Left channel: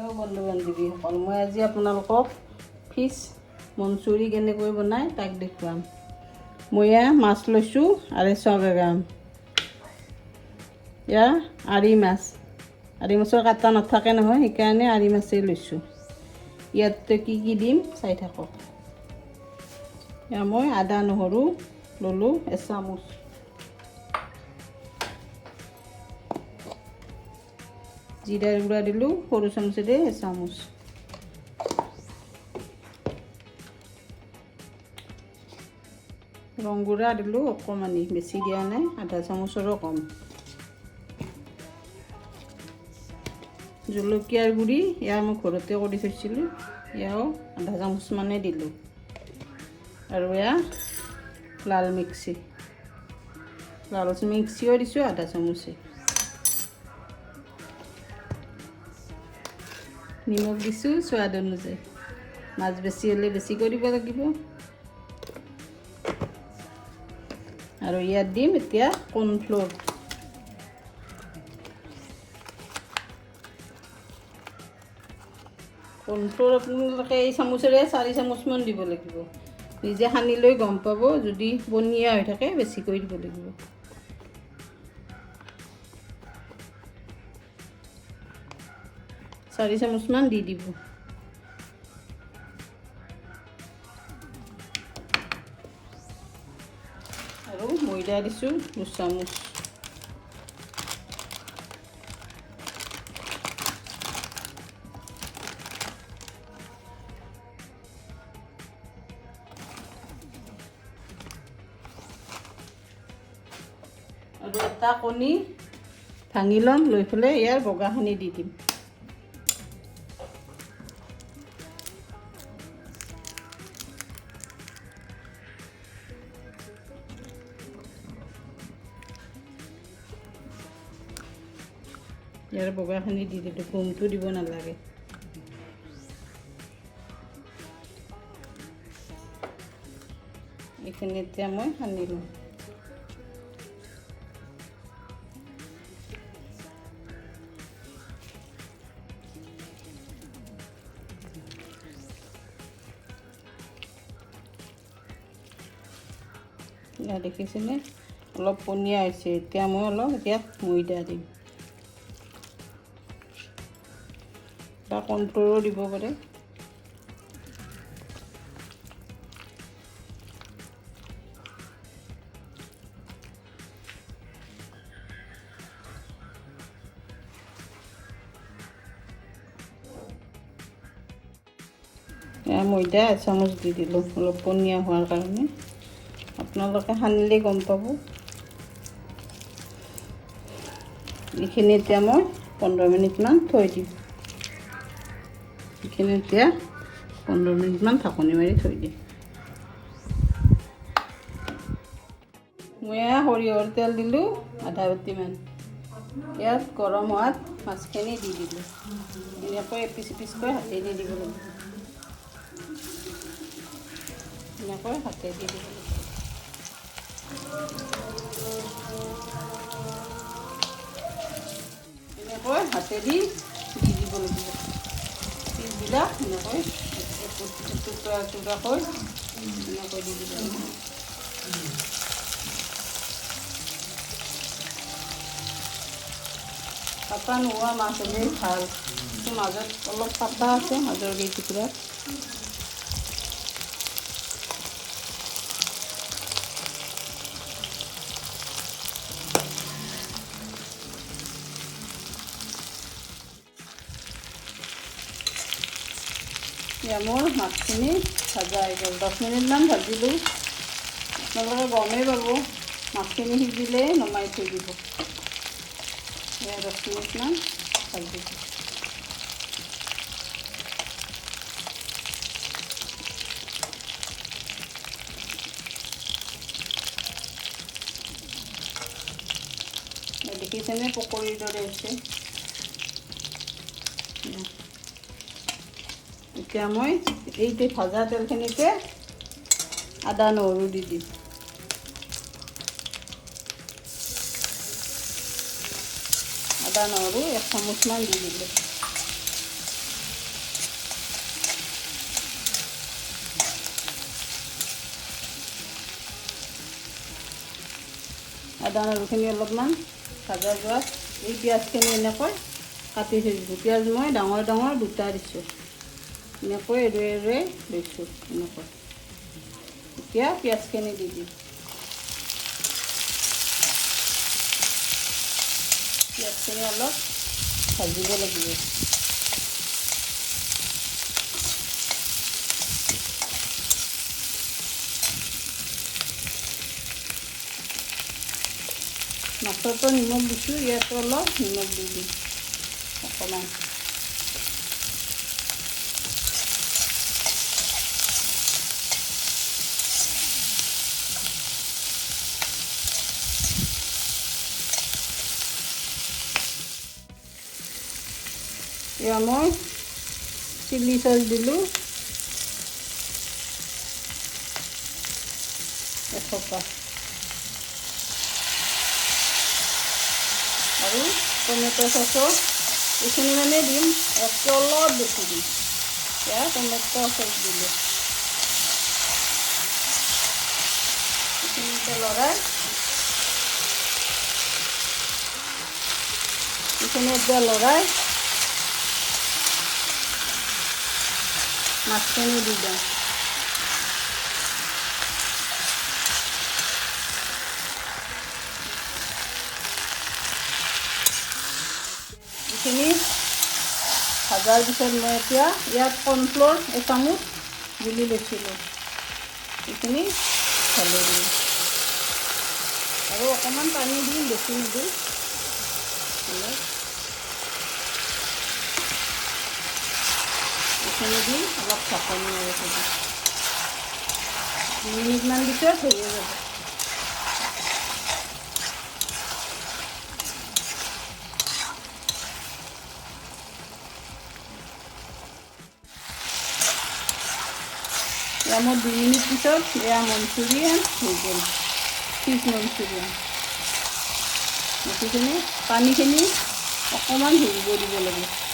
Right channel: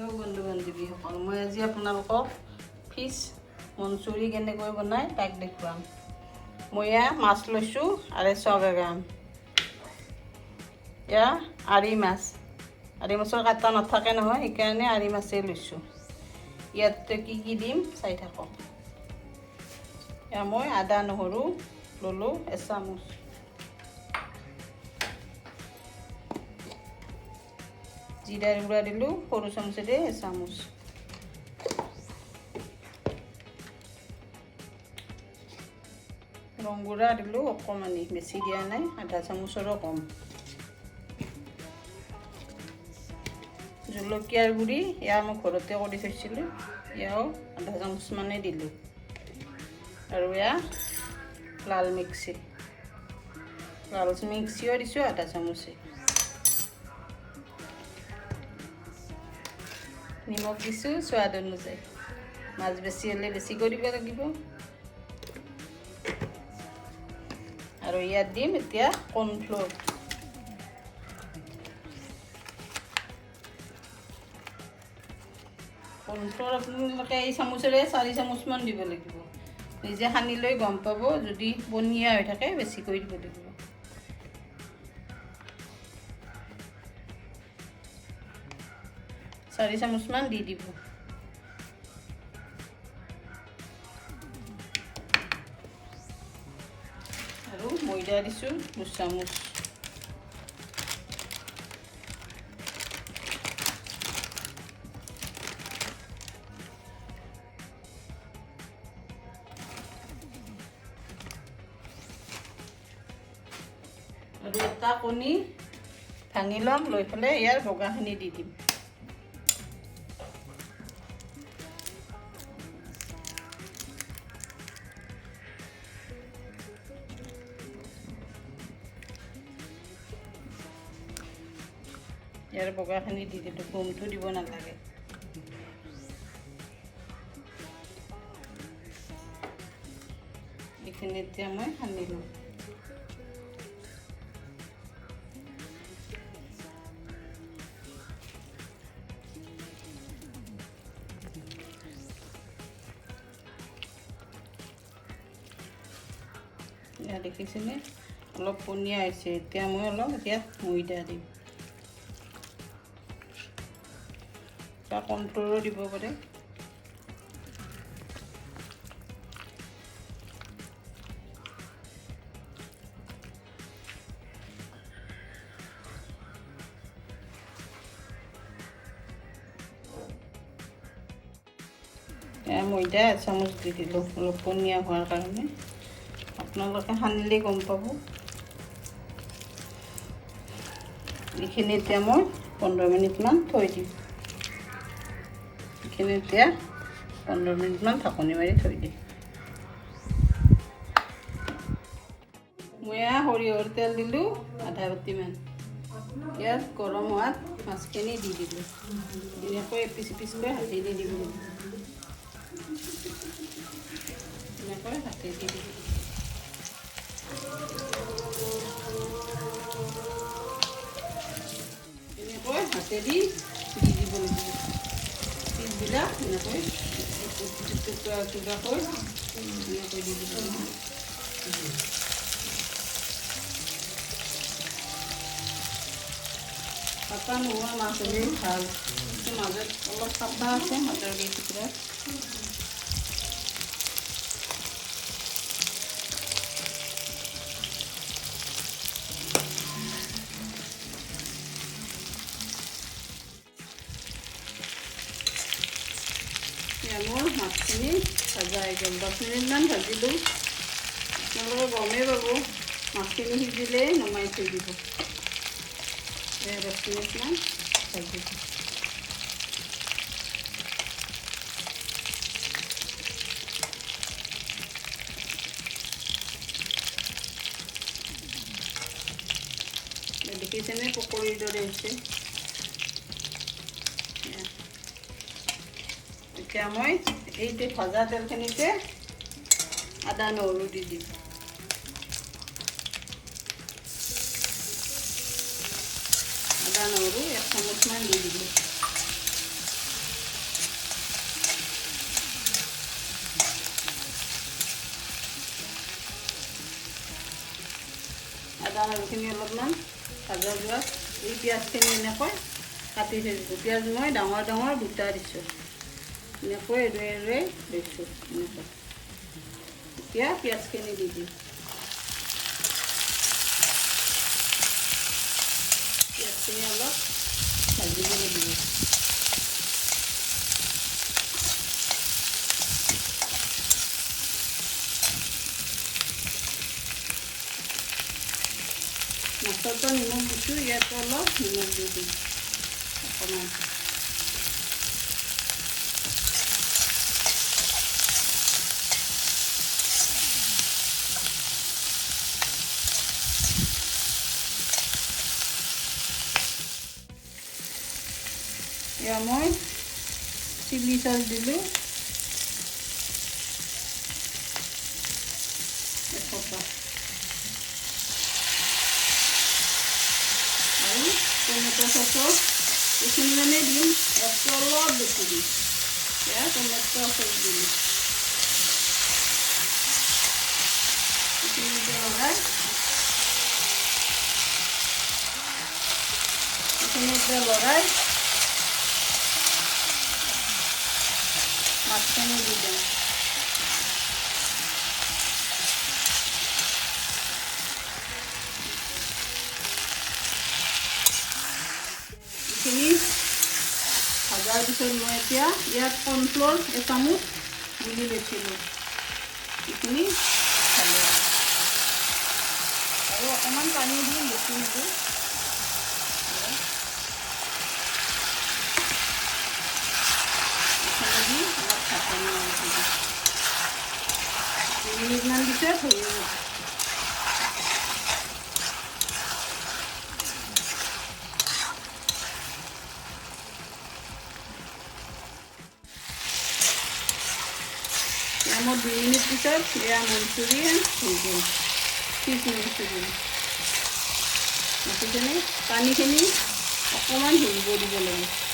Hello' বন্ধু বান্ধৱীসকল, মই আজি আপোনালোকক ফিছ মনচুৰি কেনেকৈ বনাই তাক দেখুৱাম। মই মাছ লৈছোঁ 250 গ্ৰাম। আৰি মাছ, আৰি মাছৰ কাটা নাথাকে নহয়, সেইকাৰণে আৰি মাছেই লৈছোঁ। ইয়াতে কি কি দিম চাই থাকক। মই আদা নহৰু ল'লোঁ 1 চামুচ। জিৰাৰ গুড়া দিলোঁ সৰু চামুচেৰে 1 চামুচ। ৰং গুড়া দিলোঁ অকণমানি, বেছি দিয়া নাই, আধা চামুচৰো কম। জলকীয়াৰ গুড়ি মই ঘৰতে কৰি থৈছিলোঁ, আধা চামুচ মানে দিলোঁ। আৰু লাল মিক্সিও দিছোঁ আধা চামুচে। নিমখ দিছোঁ সোৱাদ অনুযায়ী, মাছ বেছি হ'লে বেছি কৰিব লাগিব। আৰু ইয়াত দিম এতিয়া কৰ্ণফ্ল'ৰ। কৰ্ণফ্ল'ৰ আপোনালোকে এই চামুচেৰে 4 চামুচমান দিব লাগিব। নিজে সানি লৈ গম পাব, যদি পনীয়া হৈ থাকে বেছিকৈ দিব লাগিব। চাৰি চামুচমান দি দিব। আৰু ময়দা দিছোঁ 2 চামুচ। আৰু এটা কণী ভাঙি ল'ম, লৈ পেলাই ইয়াৰ বগাখিনি দি দিম। ইয়াৰ বগাখিনি দি দিলোঁ, গোমটো দিব নালাগে। এইখিনি এতিয়া মই সানি লওঁ। দেখিছেনে অলপ পনীয়া হৈছে। এতিয়া মই অলপ ময়দা দিম, বা কৰ্ণফ্ল'ৰো দিব পাৰে। ময়দা 1 চামুচ দি দিলোঁ, অলপ পনীয়া হোৱাৰ কাৰণে। আপোনালোকে সানিলে গম পাব। এইখিনি এতিয়া মই 15 মিনিটমান থৈ দিম। এইখিনি এতিয়া 15 মিনিটমান ঢাকনি মাৰি থৈ দিম। মই সৰিয়হৰ তেল দিলোঁ আধা বাটিমান। ইয়াত গৰম হোৱাত মাছখিনি দি দিলোঁ। এনেকৈ এপিচ এপিচকৈ হাতেদি দিব লাগিব। এনেকৈ হাতেদি দিব। এনেকৈ হাতেদি দি দিব লাগিব। পিচবিলাক এনেকৈ টুকুৰাকৈ এনেকৈ দি দিব লাগিব। কাটা নোহোৱা মাছ হ'লে ভাল, মাজত অলপ কাটা আছে, মাজৰ কেইটুকুৰা। মোৰ মাছখিনি ভাজা হৈ গ'ল। 10 মিনিটমান ভাজিলোঁ। আপোনালোকে গমেই পাব, মাছখিনি সিজিলে নমাই থৈ দিব। 10 মিনিটমান ভাজিলোঁ। দেখিছেনে পকৰীৰ দৰে হৈছে। এতিয়া মই এইটো ভজা তেলখিনিতে আদা নহৰু দি দিম। আদা নহৰু 1 চামুচমান দি দিলোঁ। আদা নহৰুখিনি অলপমান ভাজা যোৱাত এই পিঁয়াজখিনি এনেকৈ কাটি থৈ দিছোঁ। পিঁয়াজ মই ডাঙৰ ডাঙৰ দুটা দিছোঁ, এনেকৈ এৰুৱাই এৰুৱাই লৈছোঁ এনেকৈ। এতিয়া পিঁয়াজখিনি দি দিম। পিঁয়াজখিনি অলপ ভাজিব লাগিব। মাছতো নিমখ দিছোঁ, ইয়াতো অলপ নিমখ দি দিম অকণমান। এয়া মই চিলি চচ দিলোঁ এসোপা, আৰু টমেটো চচৰ এইখিনি মানে দিম, অলপ বেছি দিম। এয়া টমেটো চচ দিলোঁ, এইখিনিতে লৰাই মাছখিনি দি দিম। এইখিনি ভাজাৰ পিছত মই এতিয়া ইয়াত কৰ্ণফ্ল'ৰ এচামুচ গুলি লৈছিলোঁ, এইখিনি ভাজি দিম আৰু অকণমান পানী দিম, বেছি নিদিওঁ। মিনিটমান পিছত হৈ যাব। এয়া মই 2 মিনিট পিছত এয়া মঞ্চুৰিয়ান হৈ গ'ল, ফিছ মঞ্চুৰিয়ান। মাছখিনি পানীখিনি অকণমান ধৰিব দিব লাগিব।